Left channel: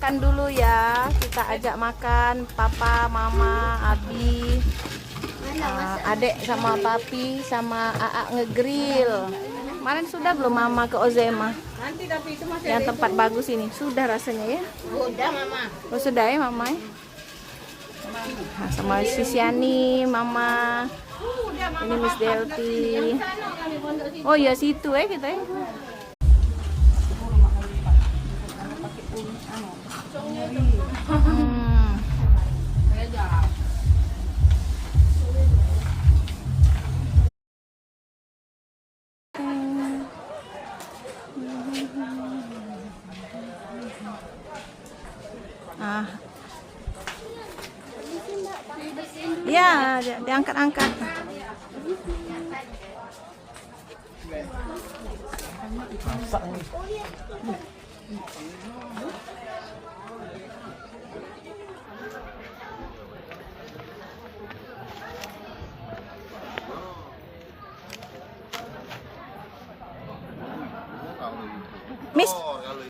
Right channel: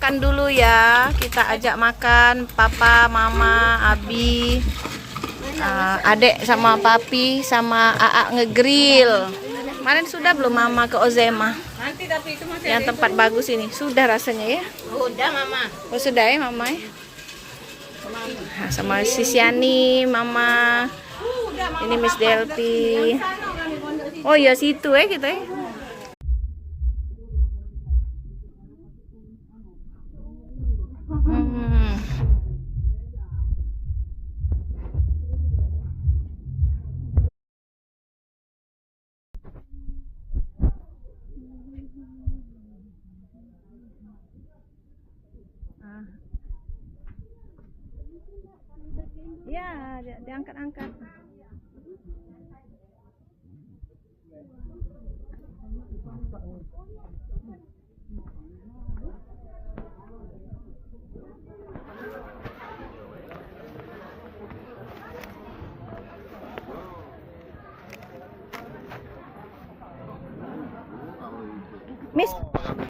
makan dulu ya. Kita ajak makan papa, mama, Abi, adek sama papi sama Aa ngegrill. Kemarin sudah belum mama ke Ozema? Nanti tapi itu masih Yang tempat bagus ini. Sudah rasanya ya? udah mama. Oh sudah ya mama ya? Nah, sama si Siani, mama. Ini Miss Delphi. Oh ya situ ya kita ya. Ah. Ya, diangkat-angkat. Miss